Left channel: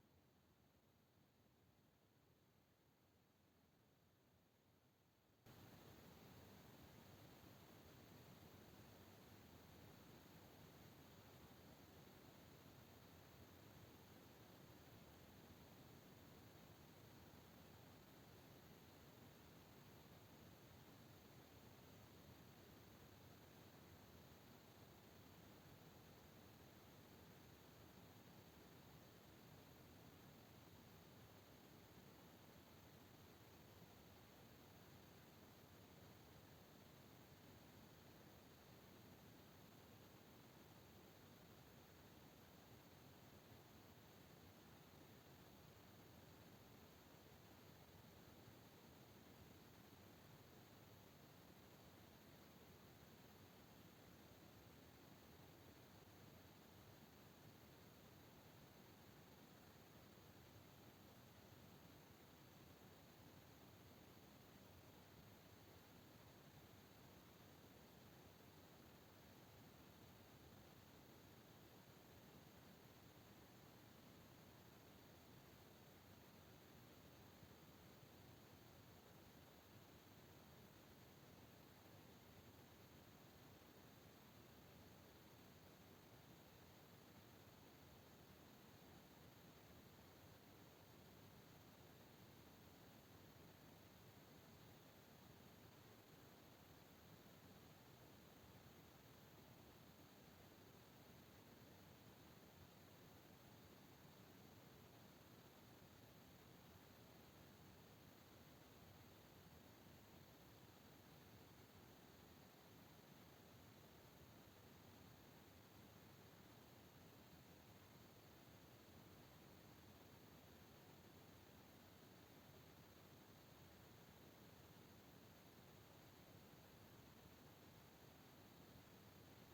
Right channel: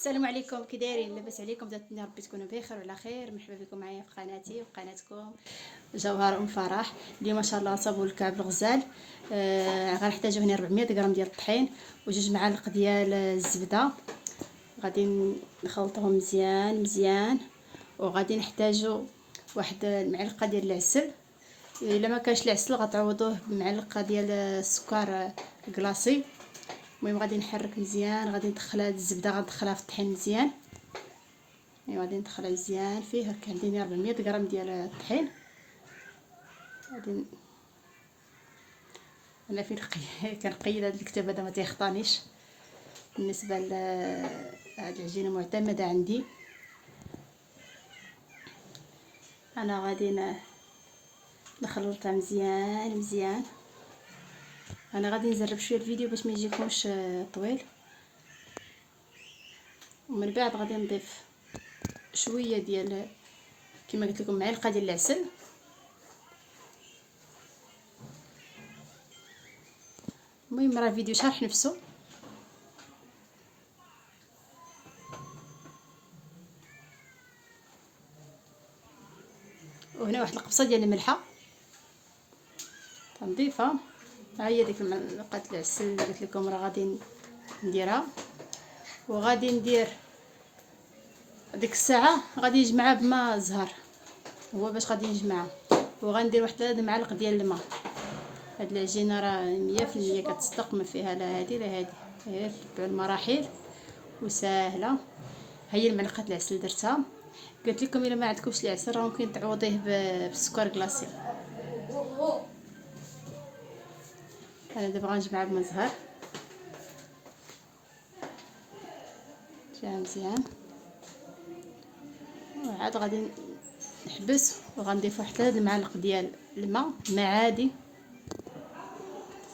السلام عليكم، كي دايرين؟ لاباس عليكم؟ داتني ربي تكونوا بخير وعلى خير. مرحبا بكم معايا في قناتي وقناتكم جوهر ام فرح. اليوم ما شاء الله صابوا الكعب الغزال. غنحتاجو هنا 400 غرام ديال الطحين وجوج معالق ديال الزبده. غادي نخلطوهم مزيان مزيان، وغادي نحتاجو واحد المعلقه ديال العسل. الا ما كانش العسل غتعوضوه بمعلقه ديال السكر كلاصي. المهم غادي نحرك مزيان، غادي ندخل هاد الزبده غندخلها في الطحين مزيان. غادي ندخلها مزيان فيه. هكا عندي 400 غرام ديال الطحين. غادي انا فين كنقيد هاد الكتاب هذا ما تيخطانيش. بالنسبه لهاد العجينه معتمده عندي. انا غادي نخلطها مزيان مزيان. انا غادي نزرب شويه الفيديو باش ما يجيكمش طويل، ومن بعد غادي نضيف شويه ديال كما قلت لكم معلقه ديال العسل. المهم راه الفيديو شارح نفسه. وهنا واحد القبصه ديال الملحه تنضيفها. ها هي ديك معلقه العسل اللي قلت لكم راه غادي نديرها. وغادي ندير ديك الساعه غادي يجمعها بماء زهر، هو باش غادي نجمعها. وغندير واحد 3 معالق ديال الماء. هاد العجينه راه 100% كتصدق، ما فيها لا هادي لا هادي، غير تبعوا المراحل وسهله. هي المعلقه العسل درتها. قلت لكم الا ما عندكمش العسل راه ممكن تعوضيه بالسكر كلاصي. انا دابا غنجمعها بماء زهر مزيان. وعاد غادي نحبس وغنضيف واحد 3 معالق ديال الماء عادي.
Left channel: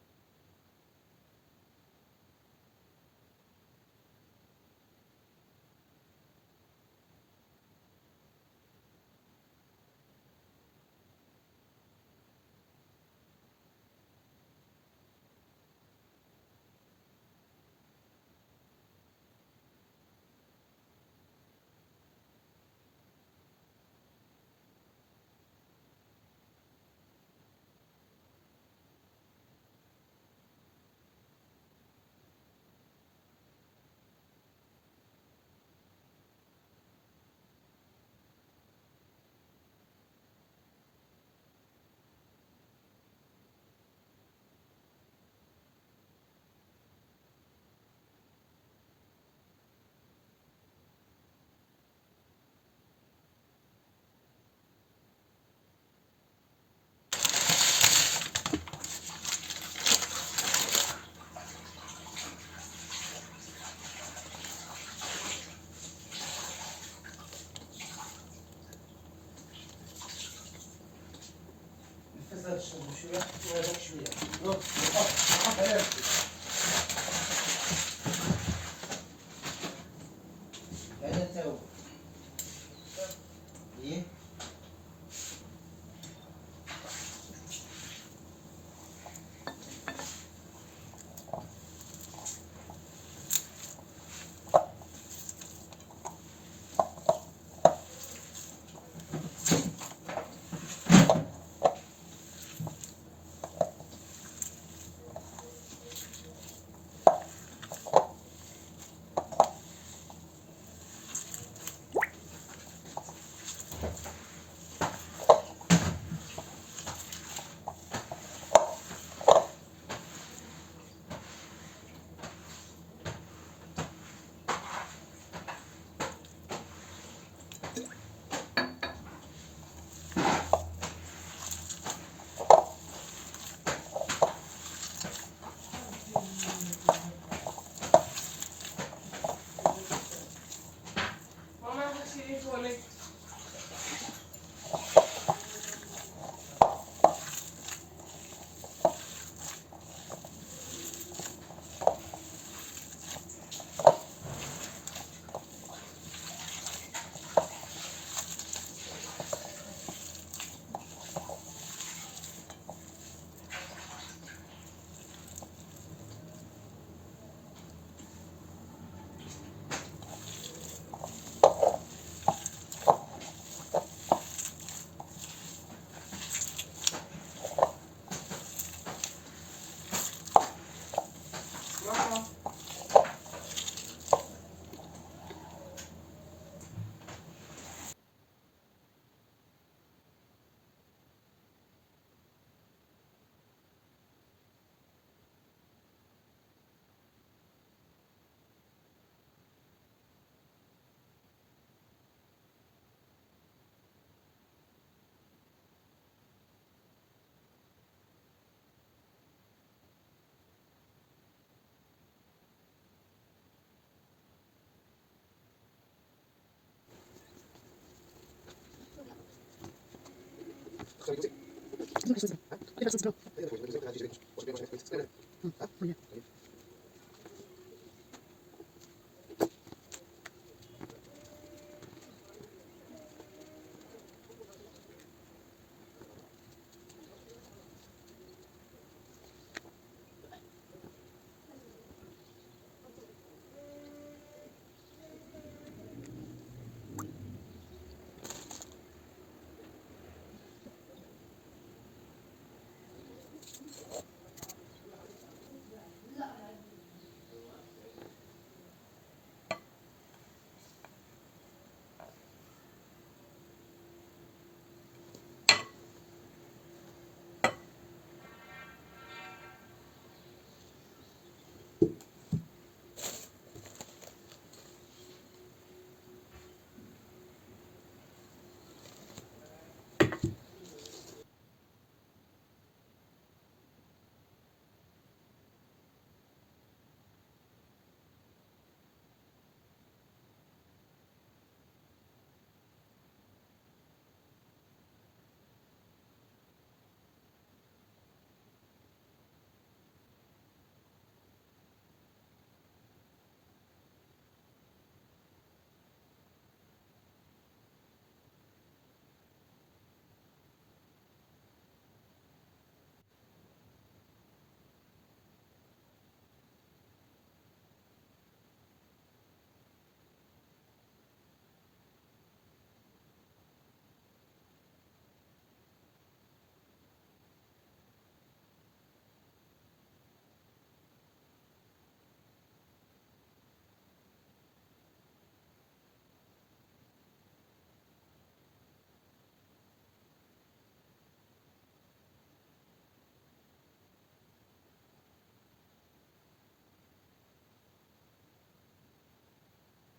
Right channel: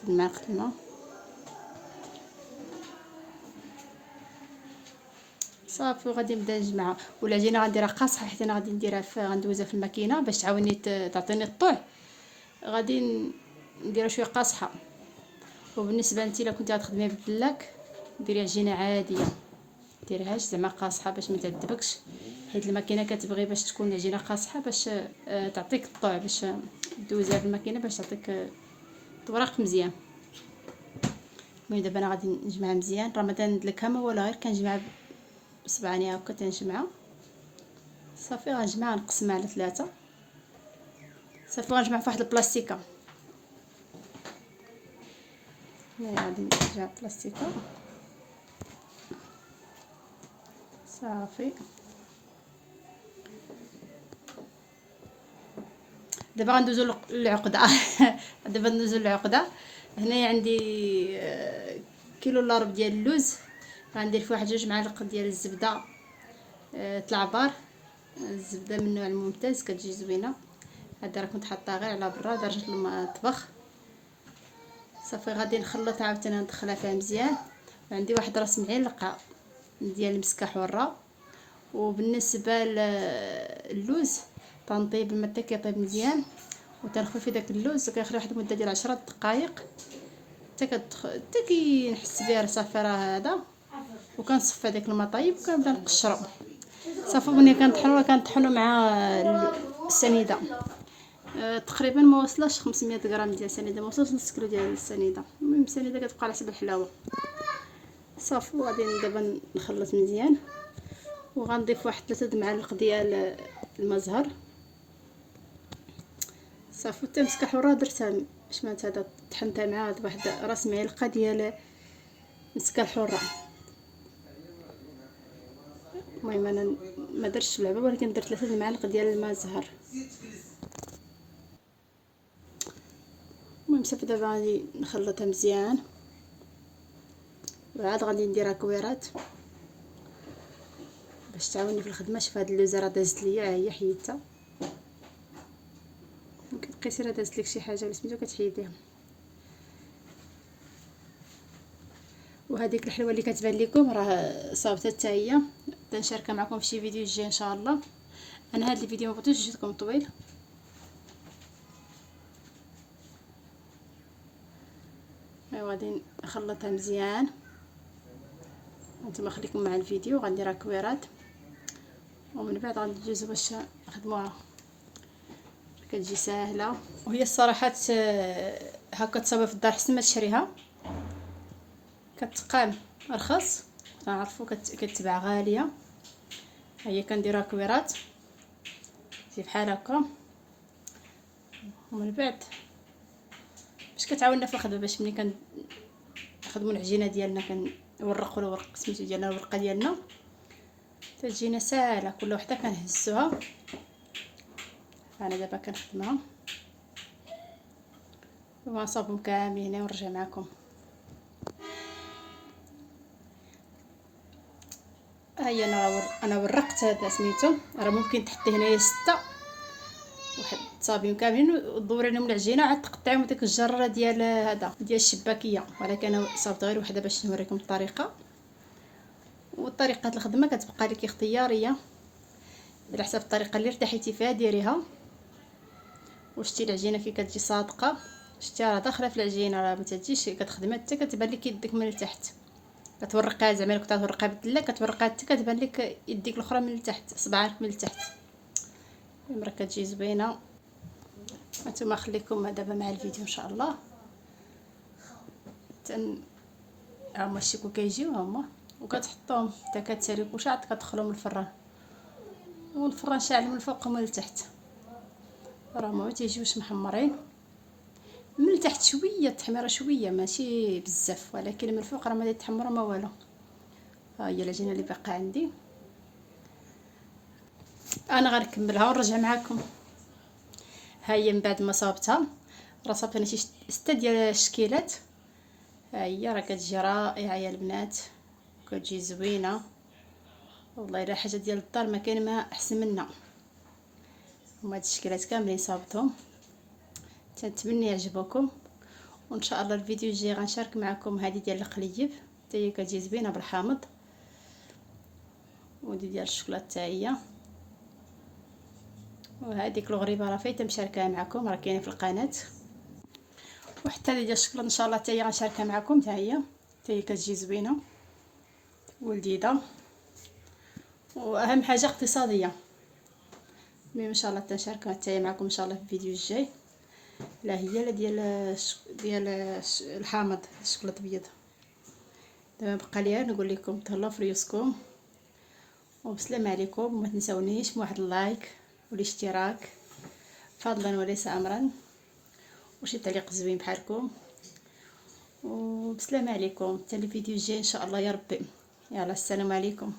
معلقه الماء صافي. وغادي نبدا نجمعها. والعجينه غنديرها قاصحه حيت انا غادي نديرها غندوزها في الماكينه باش تعاوني تعطيني الطوع. غادي نديرها شويه قاصحه. وبالنسبه لنتي الا كنتي غتخدمي بالبلاك ديري عجينه عاديه، ديريهاش زعما قاصحه باش ما تعذبكش، حيت الماكينه كتبغي باش تكون العجينه قاصحه باش تعطيك الطوع، باش دوزها في الماكينه باش تعطيك طوراق مزيان. المهم دابا انا غادي نجمعها مزيان. راه ما تندلكها ما والو، غير كنجمعها بصبعاني هكا تنجمعها صافي. غنجمعها نقسمها على 3 صافي. غنجمعها في واحد البلاستيكه. غادي نجمعها بلاستيكه صافي. دابا غندوزو للعقده. دابا ندوزو للعقده. هنايا عندي كيلو الا ربع ديال اللوز. غندير فيه واحد 2 معالق ديال الزبده العبار. الزبده من النوع الممتاز كتجي زوينه. هذا راه كنت حاطاها غير على برا درجه المطبخ. صافي غادي نخلطها عاوتاني ندخلها فيها مزيان. عندي واحد راس معلقه ديال المسكه حره. وبالنسبه للوز تنطيب الماء حتى كيطيب مزيان، وتنخوي في داك اللوز كيخلي واحد المده ديال 10 دقائق حتى كنحس بها صافي راه هذا. وكنصفي داك الماء طايب وكنبدا نقشرو صافي. ملي كنطحنو مع السنيده. تقريبا ما وصلش 500 غرام ديال السنيده، ما وصلش نص كيلو ديال السنيده. المهم السنيده كتبقى على حسب الحلاوه صافي. وغادي دابا نخلط مزيان. وغنضيف واحد 3 معالق ديال الماء زهر صافي. حتى مسكه حره درتها شنات هذا طحنتها مع واحد راس معلقه ديال مسكه الحره. المهم انا ما درتش العبوه ولكن درت 3 معالق ديال الماء زهر. صافي دابا غادي نخلطها مزيان. وعاد غادي نديرها كويرات باش تعاوني في الخدمه. شوف هاد اللوزه راه دازت ليا، ها هي حيدتها. بقيتي راه دازت لك شي حاجه ولا سميتو كتحيديها. وهذيك الحلوه اللي كتبان لكم راه صافته حتى هي. نشاركها معكم في شي فيديو جاي ان شاء الله. انا هذا الفيديو ما بغيتوش يجيكم طويل. غادي نخلطها مزيان هانتوما خليكم مع الفيديو. غندير كويرات ومن بعد غادي ندوز باش نخدموها. كتجي ساهله وهي الصراحه هكا تصاوب في الدار حسن ما تشريها، كتقال ارخص نعرفوا كتباع غاليه. هي كنديرها كويرات زي بحال هكا، ومن بعد باش كتعاوننا في الخدمه، باش ملي كنخدموا العجينه ديالنا كنورقوا الورق سميتو ديالنا الورقه ديالنا تجينا ساهله. كل وحده كنهزوها. انا دابا كنخدمها ونصاوبهم كاملين ونرجع معكم. هيا انا ورقت هذا سميتو، راه ممكن تحطي هنايا 6 واحد تصابيهم كاملين ودوري لهم العجينه عاد تقطعيهم ديك الجره ديال هذا ديال الشباكيه، ولكن انا صابت غير وحده باش نوريكم الطريقه. وطريقه الخدمه كتبقى لك اختياريه على حسب الطريقه اللي ارتحيتي فيها ديريها. وشتي العجينه كي كتجي صادقه، شتي راه داخله في العجينه، راه ما تجيش كتخدمي حتى كتبان لك يدك من التحت. كتورقيها زعما كنت تورقيها بالدله كتورقيها حتى كتبان لك يديك الاخرى من التحت، صباعك من التحت. المره كتجي زوينه. هانتوما خليكم دابا مع الفيديو ان شاء الله. هما الشيكو كيجيو هما وكتحطوهم حتى كتساليو عاد كتدخلهم الفران، والفران شاعل من الفوق ومن التحت. راه ما تيجيوش محمرين من التحت شويه التحميره شويه ماشي بزاف، ولكن من الفوق راه ما يتحمروا ما والو. ها هي العجينه اللي باقا عندي، انا غنكملها ونرجع معكم. ها هي من بعد ما صابتها راه صابت انا شي 6 ديال الشكيلات. ها هي راه كتجي رائعه يا البنات، كتجي زوينه والله. الا حاجه ديال الدار ما كاين ما احسن منها. هما هاد الشكيلات كاملين صابتهم، تنتمنى يعجبوكم. وان شاء الله الفيديو الجاي غنشارك معكم هذه ديال القليب حتى هي كتجي زوينه بالحامض، ودي ديال الشوكولاته حتى هي. وهذيك الغريبه راه فايته مشاركها معكم، راه كاينه في القناه. وحتى هذه ديال الشوكولاته ان شاء الله حتى هي غنشاركها معكم حتى هي كتجي زوينه ولذيذه، واهم حاجه اقتصاديه. ان شاء الله تنشاركها حتى هي معكم ان شاء الله في الفيديو الجاي. لا هي لا ديال الحامض الشوكولاته الابيض. دابا بقى لي نقول لكم تهلاو في ريوسكم وبسلام عليكم. وما تنسونيش بواحد اللايك والاشتراك فضلا وليس امرا، وشي تعليق زوين بحالكم. وبسلام عليكم حتى الفيديو الجاي ان شاء الله يا ربي. يلا السلام عليكم.